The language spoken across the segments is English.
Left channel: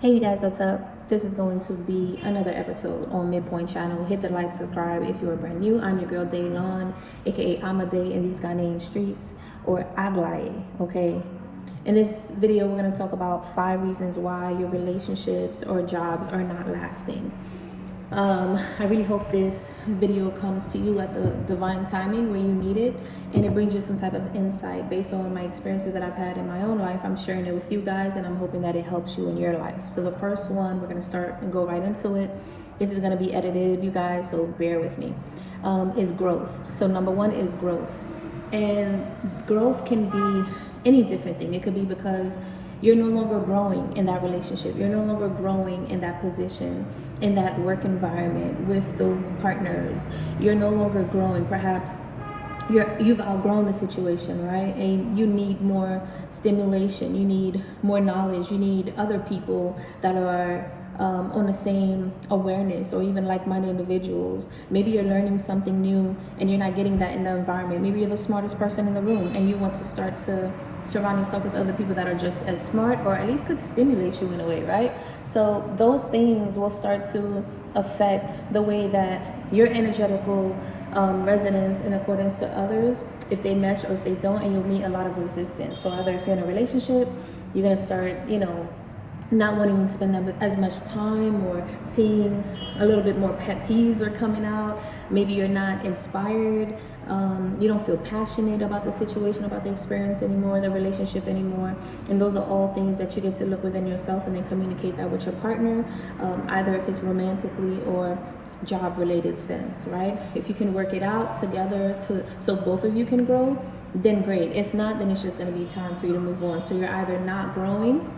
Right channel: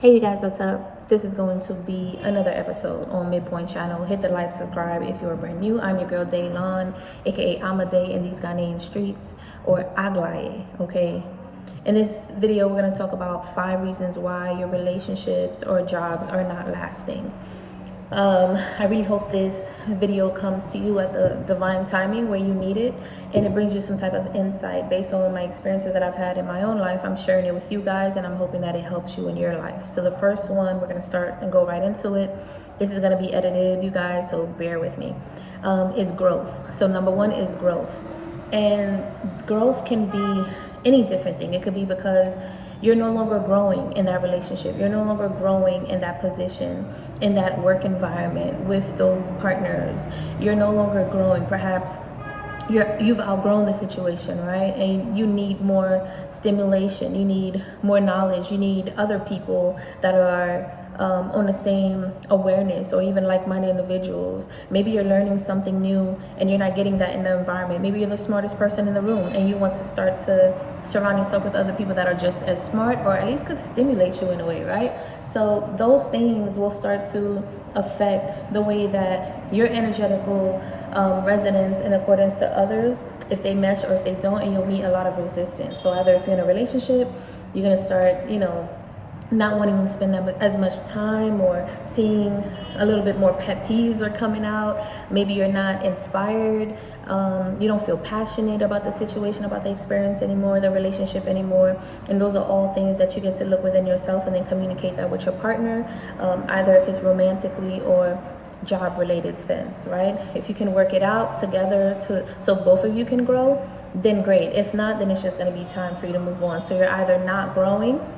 Hey you guys, what's up? This is going to be another episode on Midpoint Channel. Hit the like, subscribe if you're brand new. I'm your girl Daylon, aka Amade in these Ghanaian streets, or Aglaye, okay? In this video, we're gonna talk about 5 reasons why your relationships or jobs are not lasting. I really hope this video comes to you at the divine timing where you need it, and it brings you some type of insight based on my experiences that I've had in my own life. I'm sharing it with you guys, and I'm hoping that it helps you in your life. So the first one, we're gonna start and go right into it. This is gonna be edited, you guys, so bear with me. Is growth. So number 1 is growth, and growth can be any different thing. It could be because you're no longer growing in that relationship. You're no longer growing in that position, in that work environment with those partners. You're no longer growing. Perhaps you've outgrown the situation, right? And you need more stimulation. You need more knowledge. You need other people that are on the same awareness, or even like-minded individuals. Maybe you're learning something new and you're not getting that in the environment. Maybe you're the smartest person in the room and you want to start to surround yourself with other people that are just as smart, or at least could stimulate you in a way, right? So those things will start to affect the way that your energetical resonance in accordance to others, if they mesh or if they don't, and you'll meet a lot of resistance. So either if you're in a relationship, you're gonna start, not wanting to spend as much time, or seeing a little bit more pet peeves are coming out. Maybe you're not inspired. You don't feel passionate about the situation, about the experience anymore, the relationship anymore. And those are all things that you get to look within yourself and then communicate that with your partner, either if it's romantically or job related sense, right? If you can work it out together so both of you can grow, then great. If not, then it's just going to be time for you to move on. So you're either not growing,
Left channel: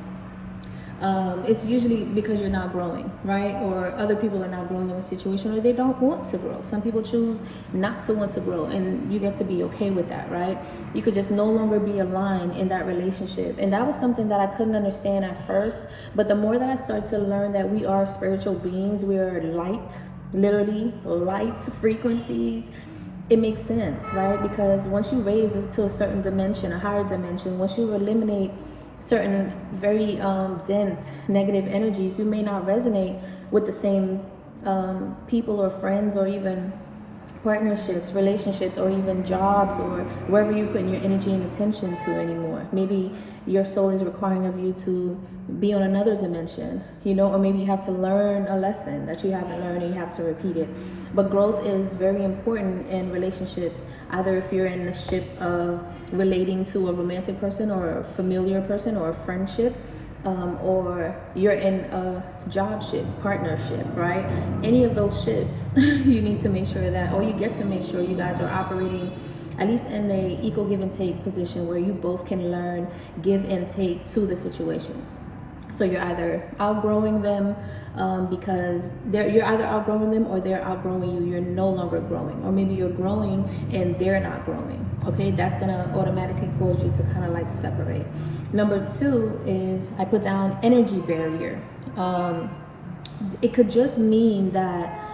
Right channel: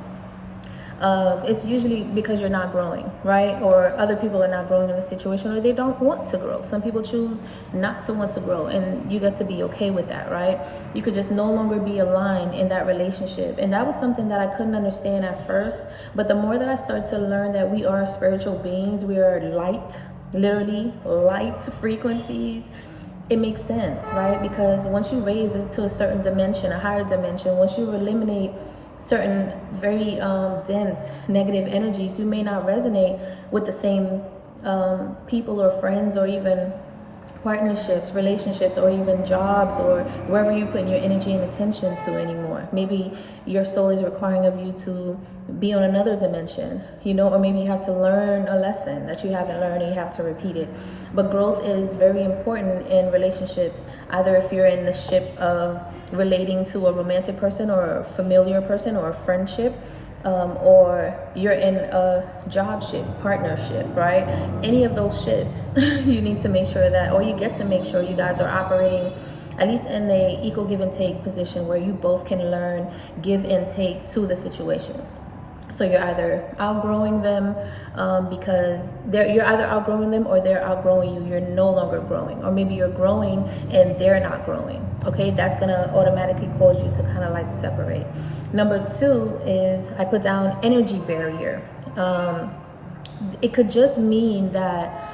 it's usually because you're not growing, right? Or other people are not growing in the situation, or they don't want to grow. Some people choose not to want to grow, and you get to be okay with that, right? You could just no longer be aligned in that relationship. And that was something that I couldn't understand at first. But the more that I started to learn that we are spiritual beings, we are light, literally light frequencies, it makes sense, right? Because once you raise it to a certain dimension, a higher dimension, once you eliminate certain very dense negative energies, you may not resonate with the same people or friends, or even partnerships, relationships, or even jobs, or wherever you put your energy and attention to anymore. Maybe your soul is requiring of you to be on another dimension, or maybe you have to learn a lesson that you haven't learned and you have to repeat it. But growth is very important in relationships, either if you're in the ship of relating to a romantic person or a familiar person or a friendship, or you're in a job ship, partnership, right? Any of those ships, you need to make sure that, or you get to make sure you guys are operating at least in a equal give and take position where you both can learn, give and take to the situation. So you're either outgrowing them because you're either outgrowing them, or they're outgrowing you. You're no longer growing, or maybe you're growing and they're not growing. Okay, that's gonna automatically cause you to kind of like separate. Number 2 is, I put down energy barrier. It could just mean that.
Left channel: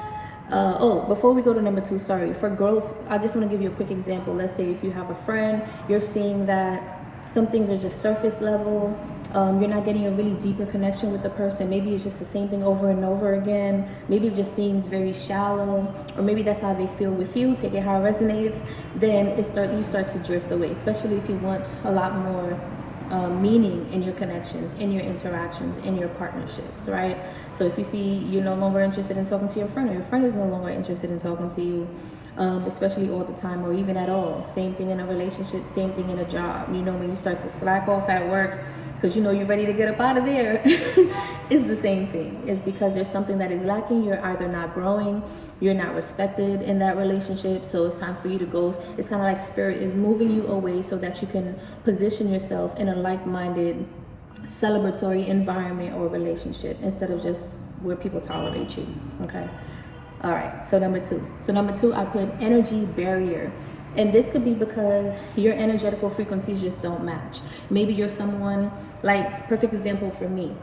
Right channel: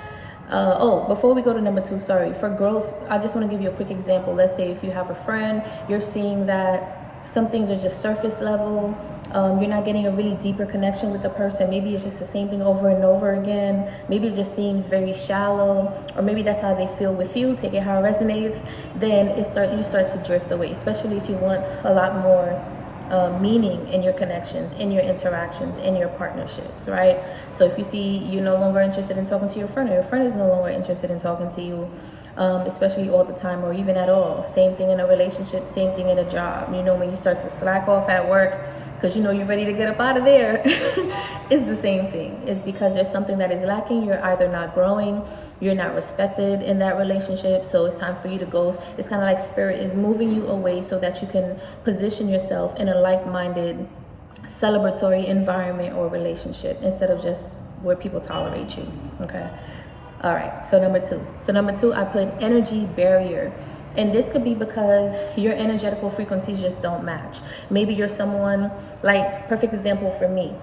Before we go to number 2, sorry, for growth, I just want to give you a quick example. Let's say if you have a friend, you're seeing that some things are just surface level. You're not getting a really deeper connection with the person. Maybe it's just the same thing over and over again. Maybe it just seems very shallow, or maybe that's how they feel with you. Take it how it resonates. Then you start to drift away, especially if you want a lot more meaning in your connections, in your interactions, in your partnerships, right? So if you see you're no longer interested in talking to your friend, or your friend is no longer interested in talking to you, especially all the time, or even at all. Same thing in a relationship, same thing in a job. When you start to slack off at work because you're ready to get up out of there, it's the same thing. It's because there's something that is lacking. You're either not growing, you're not respected in that relationship, so it's time for you to go. It's kind of like spirit is moving you away so that you can position yourself in a like-minded, celebratory environment or relationship, instead of just where people tolerate you. Okay. All right, so number 2, I put energy barrier. And this could be because your energetical frequencies just don't match. Maybe you're someone, like, perfect example for me.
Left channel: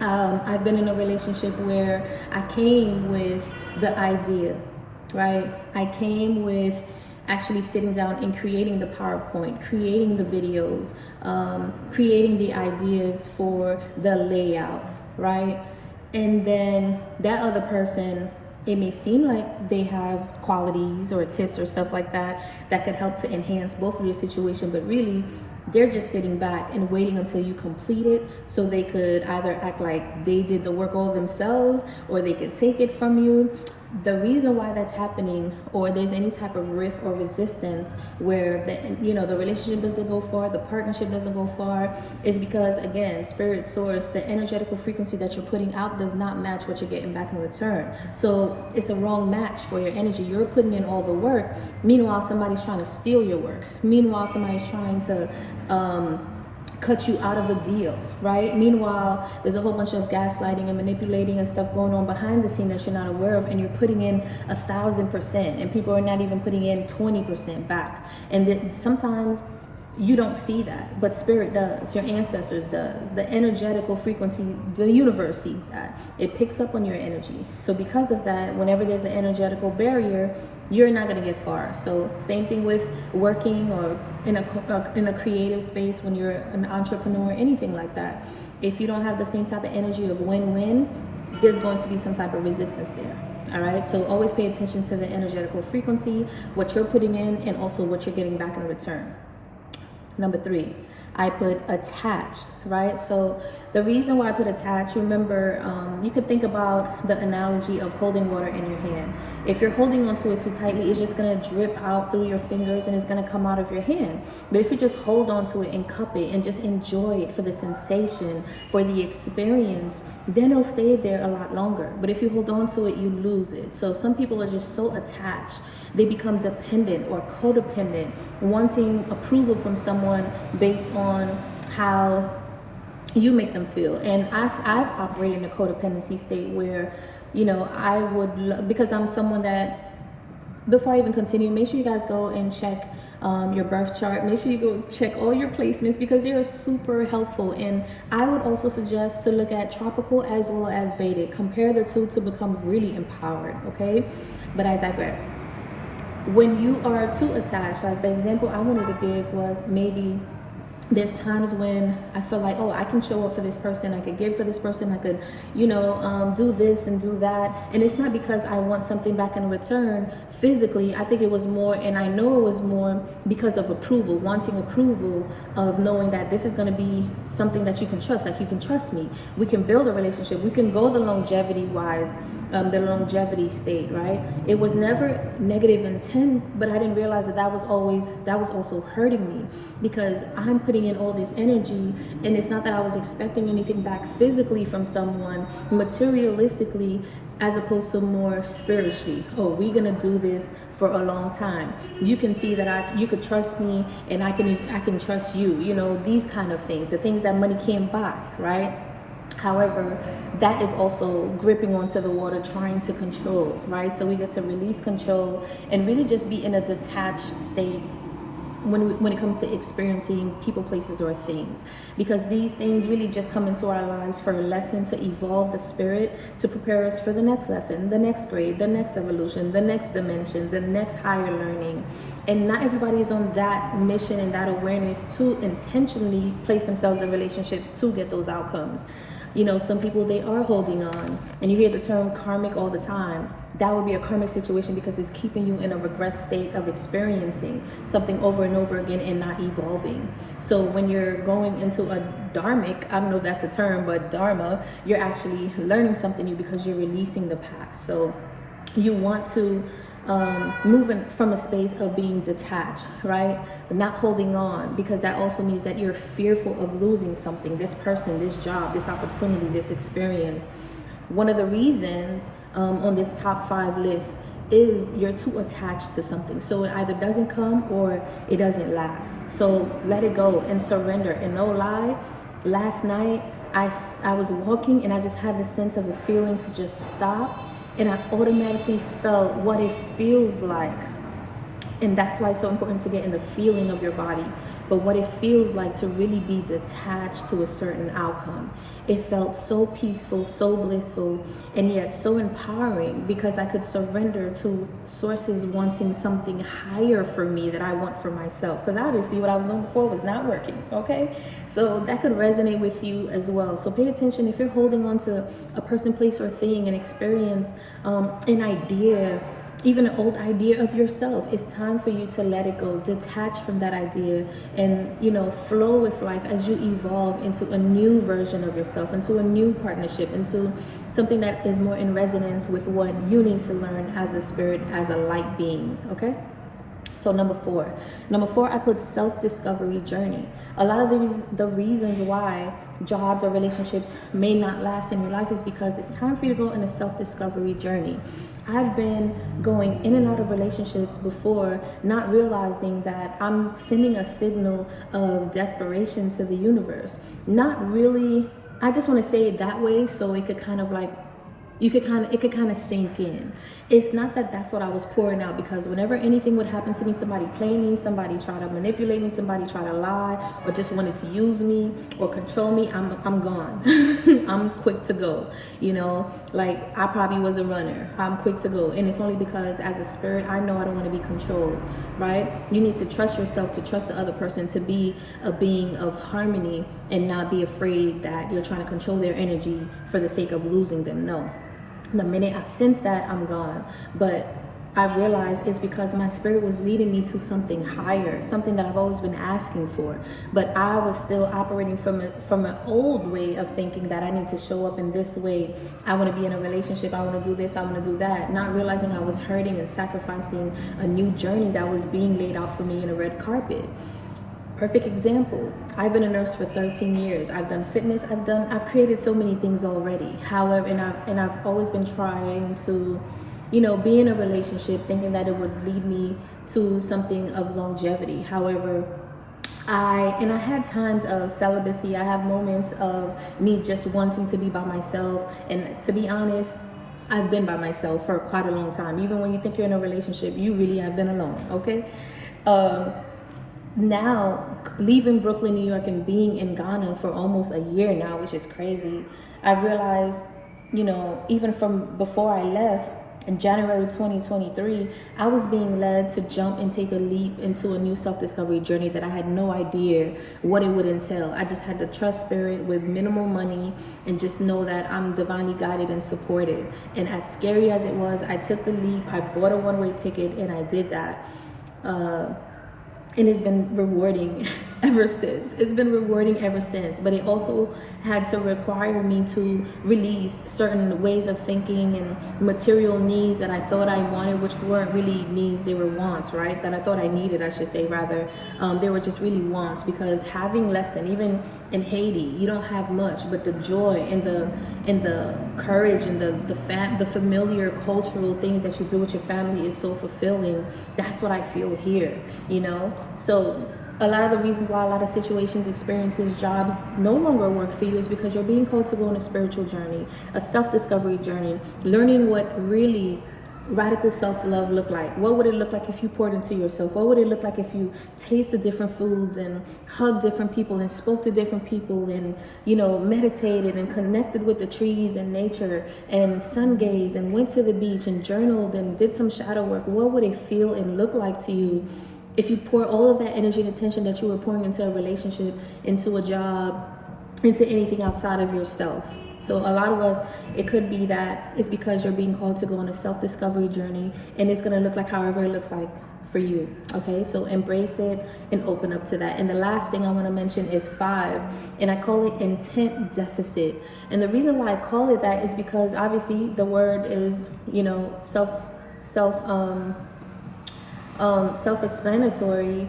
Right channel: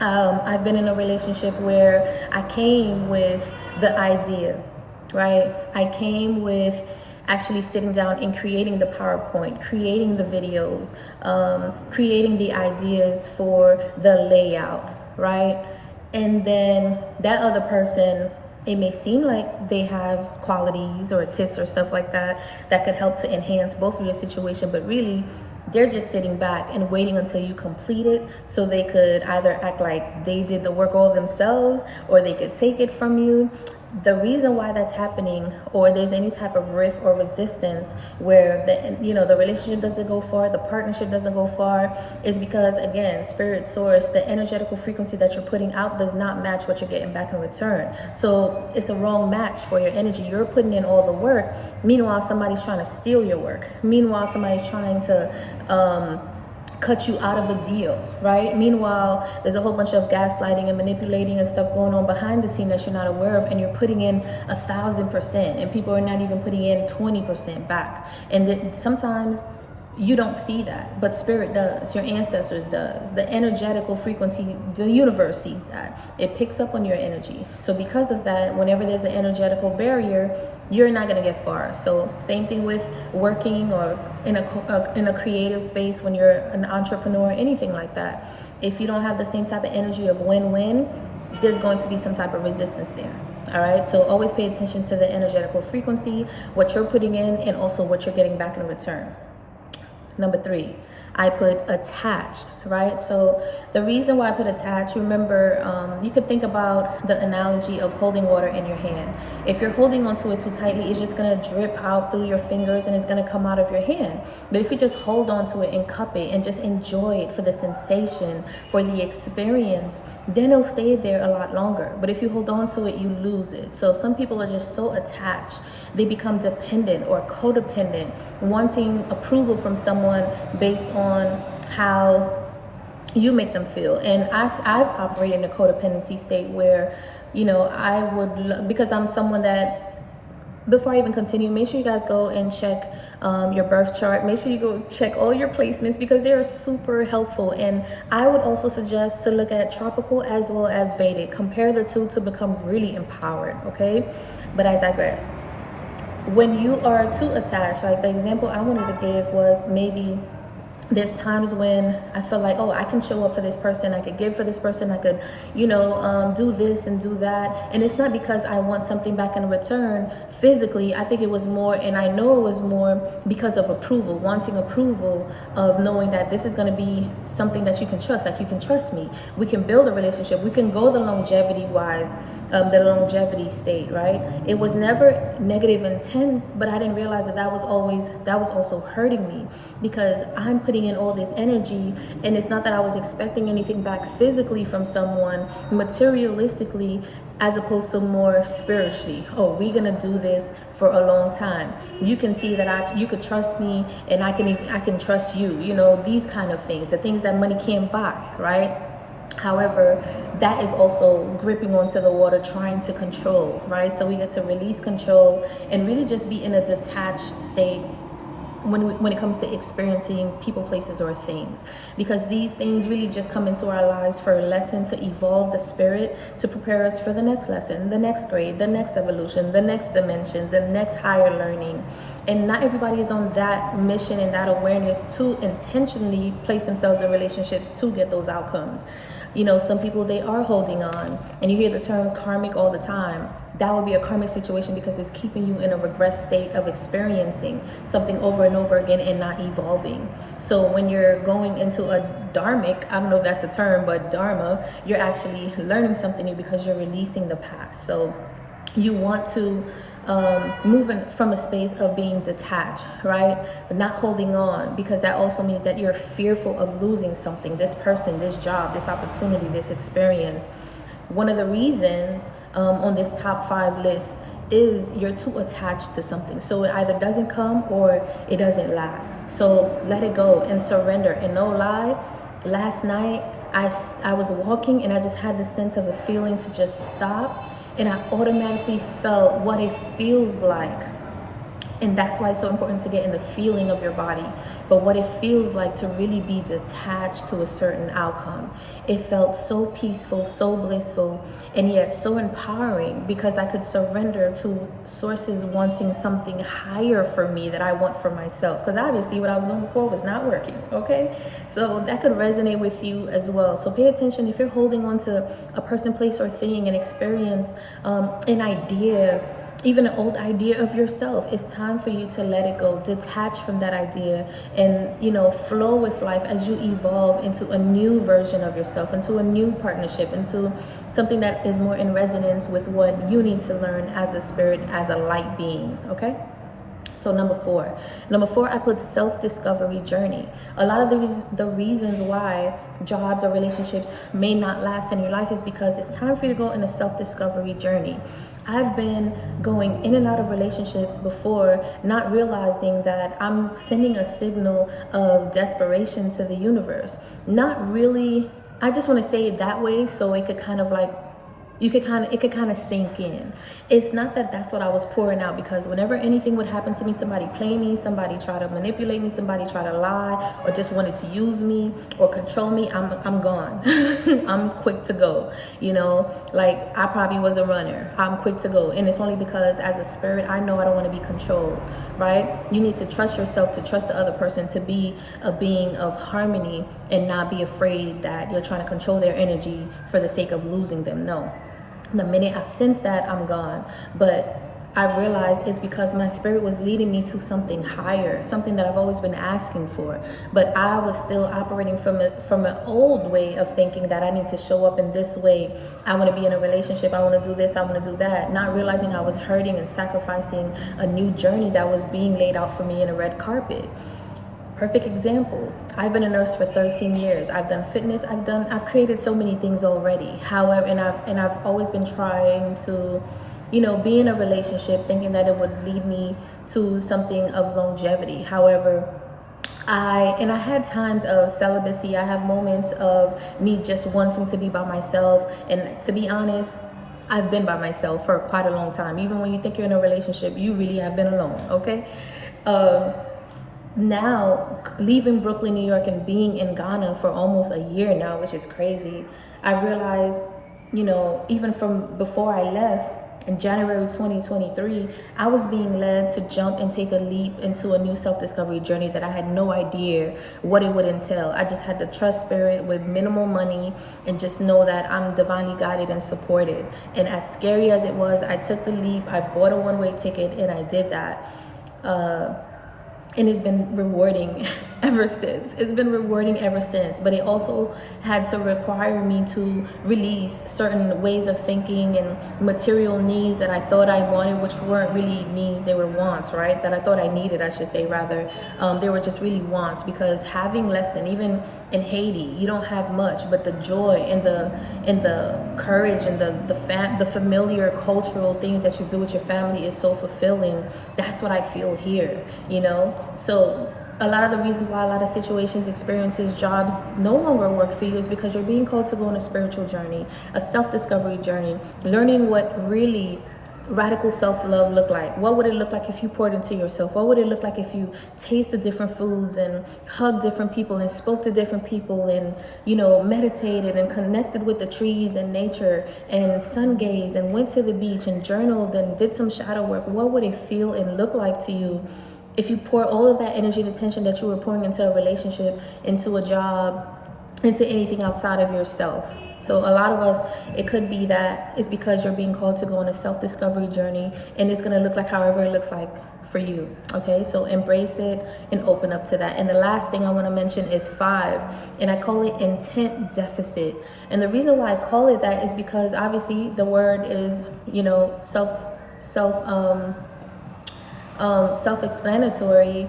I've been in a relationship where I came with the idea, right? I came with actually sitting down and creating the PowerPoint, creating the videos, creating the ideas for the layout, right? And then that other person, it may seem like they have qualities or tips or stuff like that that could help to enhance both of your situation, but really they're just sitting back and waiting until you complete it so they could either act like they did the work all themselves or they could take it from you. The reason why that's happening, or there's any type of rift or resistance where the relationship doesn't go far, the partnership doesn't go far, is because, again, spirit source, the energetical frequency that you're putting out does not match what you're getting back in return. So it's a wrong match for your energy. You're putting in all the work, meanwhile somebody's trying to steal your work, meanwhile somebody's trying to cut you out of a deal, right? Meanwhile, there's a whole bunch of gaslighting and manipulating and stuff going on behind the scene that you're not aware of, and you're putting in 1,000%, and people are not even putting in 20% back. And then sometimes you don't see that, but spirit does, your ancestors does, the energetical frequency, the universe sees that. It picks up on your energy. So because of that, whenever there's an energetical barrier, you're not going to get far. So same thing with working or in a creative space, when you're an entrepreneur, anything like that. If you don't have the same type of energy of win-win, there's going to be some type of resistance there. All right, so always pay attention to the energetical frequency, what you're putting in, and also what you're getting back in return. Number 3, I put attached, right? So the reason why I put attached, remember, you could think about the analogy of holding water in your hand. If you're holding onto it too tightly, it's just gonna drip out through your fingers and it's gonna come out of your hand. But if you just hold onto it and cup it and just enjoy it for the sensation, for the experience, then it'll stay there a lot longer. But if you hold on to it, you lose it. So some people are just so attached, they become dependent or codependent, wanting approval from someone based on how you make them feel. And I've operated in a codependency state where, I would, because I'm someone that, before I even continue, make sure you guys go and check your birth chart. Make sure you go check all your placements, because they are super helpful. And I would also suggest to look at tropical as well as Vedic. Compare the two to become really empowered, okay? But I digress. When you are too attached, like the example I wanted to give was, maybe there's times when I feel like, oh, I can show up for this person, I could give for this person, I could, do this and do that. And it's not because I want something back in return physically. I think it was more, and I know it was more because of approval, wanting approval of knowing that this is going to be something that you can trust, like you can trust me. We can build a relationship. We can go the longevity state, right? It was never negative intent, but I didn't realize that was also hurting me, because I'm putting in all this energy, and it's not that I was expecting anything back physically from someone, materialistically, as opposed to more spiritually. Oh, we're gonna do this for a long time. You can see that you could trust me, and I can trust you. These kind of things, the things that money can't buy, right? However, that is also gripping onto the water, trying to control, right? So we get to release control and really just be in a detached state when it comes to experiencing people, places, or things, because these things really just come into our lives for a lesson, to evolve the spirit, to prepare us for the next lesson, the next grade, the next evolution, the next dimension, the next higher learning. And not everybody is on that mission and that awareness to intentionally place themselves in relationships to get those outcomes. Some people, they are holding on, and you hear the term karmic all the time. That would be a karmic situation, because it's keeping you in a regress state of experiencing something over and over again and not evolving. So when you're going into a dharmic, I don't know if that's a term, but dharma, you're actually learning something new because you're releasing the past. So you want to move from a space of being detached, right? Not holding on, because that also means that you're fearful of losing something, this person, this job, this opportunity, this experience. One of the reasons on this top 5 list is you're too attached to something. So it either doesn't come or it doesn't last. So let it go and surrender. And no lie, last night I was walking and I just had the sense of a feeling to just stop. And I automatically felt what it feels like And that's why it's so important to get in the feeling of your body. But what it feels like to really be detached to a certain outcome. It felt so peaceful, so blissful, and yet so empowering, because I could surrender to sources wanting something higher for me that I want for myself. Because obviously what I was doing before was not working, okay? So that could resonate with you as well. So pay attention if you're holding on to a person, place, or thing, an experience, an idea, even an old idea of yourself. It's time for you to let it go, detach from that idea, and flow with life as you evolve into a new version of yourself, into a new partnership, into something that is more in resonance with what you need to learn as a spirit, as a light being. Okay. So number four, I put self-discovery journey. A lot of the reasons why jobs or relationships may not last in your life is because it's time for you to go in a self-discovery journey. I've been going in and out of relationships before, not realizing that I'm sending a signal of desperation to the universe. Not really, I just want to say it that way so it could kind of like, it could kind of sink in. It's not that that's what I was pouring out, because whenever anything would happen to me, somebody play me, somebody try to manipulate me, somebody try to lie, or just wanted to use me or control me, I'm gone. I'm quick to go. Like I probably was a runner. I'm quick to go. And it's only because as a spirit, I know I don't want to be controlled, right? You need to trust yourself, to trust the other person, to be a being of harmony, and not be afraid that you're trying to control their energy for the sake of losing them. No. The minute I sense that, I'm gone. But I realized it's because my spirit was leading me to something higher, something that I've always been asking for. But I was still operating from an old way of thinking that I need to show up in this way. I want to be in a relationship. I want to do this. I want to do that. Not realizing I was hurting and sacrificing a new journey that was being laid out for me in a red carpet. Perfect example. I've been a nurse for 13 years. I've done fitness. I've created so many things already. However, and I've always been trying to, be in a relationship thinking that it would lead me to something of longevity. However, I had times of celibacy. I have moments of me just wanting to be by myself. And to be honest, I've been by myself for quite a long time. Even when you think you're in a relationship, you really have been alone, okay? Now, leaving Brooklyn, New York, and being in Ghana for almost a year now, which is crazy, I realized, even from before I left, in January 2023, I was being led to jump and take a leap into a new self-discovery journey that I had no idea what it would entail. I just had to trust spirit with minimal money and just know that I'm divinely guided and supported. And as scary as it was, I took the leap. I bought a one-way ticket and I did that. And it's been rewarding ever since. But it also had to require me to release certain ways of thinking and material needs that I thought I wanted, which weren't really needs, they were wants, right? That I thought I needed, I should say, rather. They were just really wants, because having less than, even in Haiti, you don't have much, but the joy and the courage and the familiar cultural things that you do with your family is so fulfilling. That's what I feel here, So a lot of the reasons why a lot of situations, experiences, jobs no longer work for you is because you're being called to go on a spiritual journey, a self-discovery journey, learning what really radical self-love look like. What would it look like if you poured into yourself? What would it look like if you tasted different foods and hugged different people and spoke to different people and, meditated and connected with the trees and nature and sun gazed and went to the beach and journaled and did some shadow work? What would it feel and look like to you if you pour all of that energy and attention that you were pouring into a relationship, into a job, into anything outside of yourself? So a lot of us, it could be that it's because you're being called to go on a self-discovery journey, and it's going to look like however it looks like for you. Okay, so embrace it and open up to that. And the last thing I want to mention is 5, and I call it intent deficit. And the reason why I call it that is because obviously the word is, self-explanatory.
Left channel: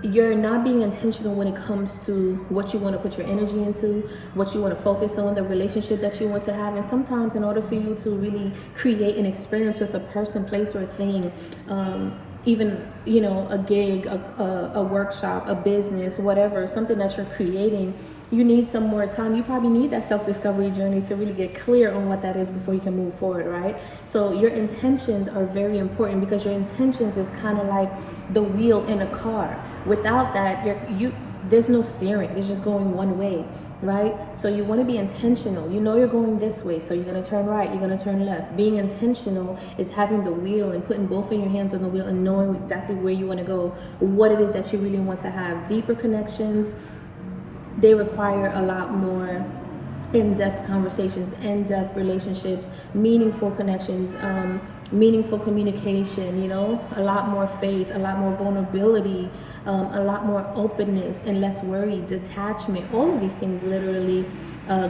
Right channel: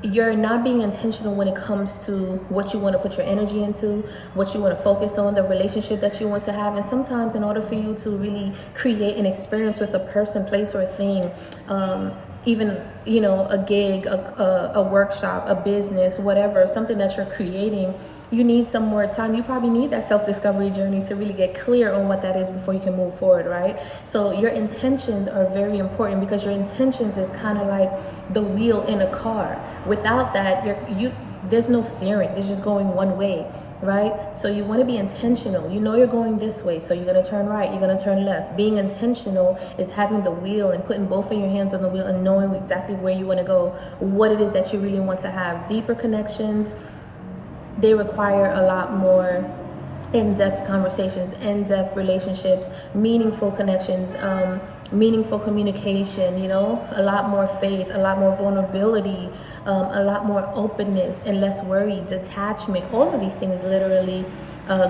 You're not being intentional when it comes to what you want to put your energy into, what you want to focus on, the relationship that you want to have. And sometimes in order for you to really create an experience with a person, place, or thing, even, a gig, a workshop, a business, whatever, something that you're creating, you need some more time. You probably need that self-discovery journey to really get clear on what that is before you can move forward, right? So your intentions are very important, because your intentions is kind of like the wheel in a car. Without that, there's no steering. There's just going one way, right? So you want to be intentional. You know you're going this way, so you're going to turn right, you're going to turn left. Being intentional is having the wheel and putting both of your hands on the wheel and knowing exactly where you want to go, what it is that you really want to have. Deeper connections, they require a lot more in-depth conversations, in-depth relationships, meaningful connections, meaningful communication, you know, a lot more faith, a lot more vulnerability, a lot more openness and less worry, detachment. All of these things literally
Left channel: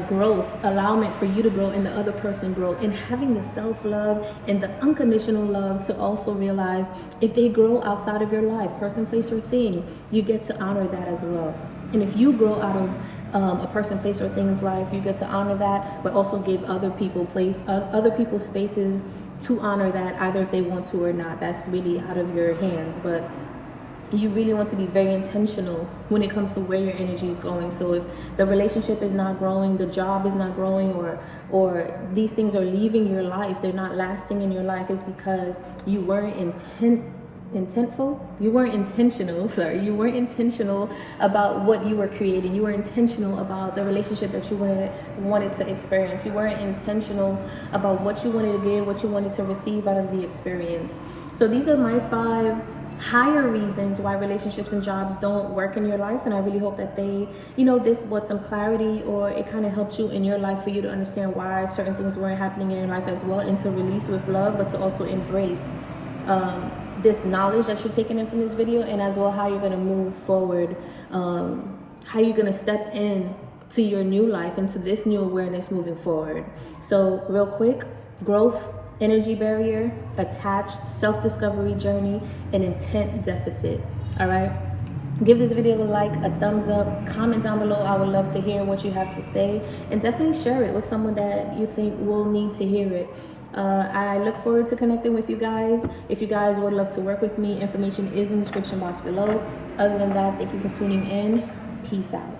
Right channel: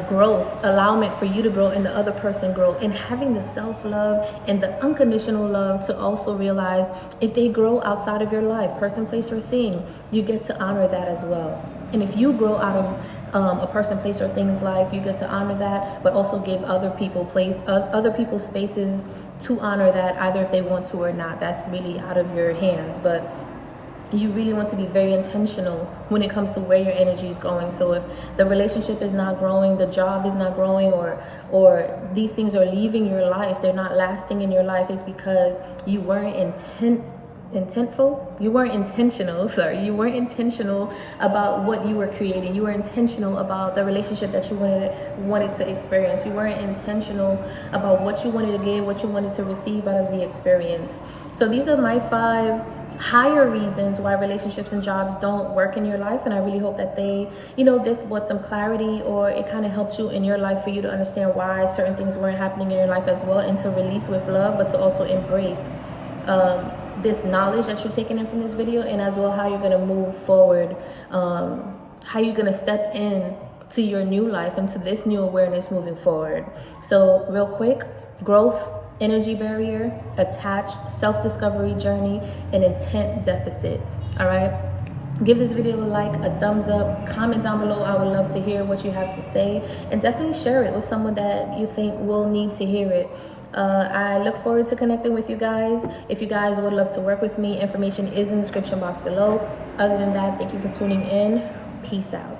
growth, allowment for you to grow and the other person grow, and having the self-love and the unconditional love to also realize if they grow outside of your life, person, place, or thing, you get to honor that as well. And if you grow out of a person, place, or thing's life, you get to honor that, but also give other people other people's spaces to honor that, either if they want to or not. That's really out of your hands. But you really want to be very intentional when it comes to where your energy is going. So if the relationship is not growing, the job is not growing, or these things are leaving your life, they're not lasting in your life, is because you weren't you weren't intentional about what you were creating. You were intentional about the relationship that you wanted to experience. You weren't intentional about what you wanted to give, what you wanted to receive out of the experience. So these are my 5 higher reasons why relationships and jobs don't work in your life, and I really hope that they, this brought some clarity, or it kind of helped you in your life for you to understand why certain things weren't happening in your life as well, and to release with love, but to also embrace this knowledge that you're taking in from this video, and as well how you're going to move forward, how you're going to step in to your new life, into this new awareness moving forward. So real quick: growth, energy barrier, attached, self-discovery journey, and intent deficit. All right, give this video a like, a thumbs up, comment down below. I would love to hear what you have to say, and definitely share it with someone that you think will need to hear it. I look forward to connecting with you guys. If you guys would love to work with me, information is in the description box below. Other than that, thank you for tuning in. Peace out.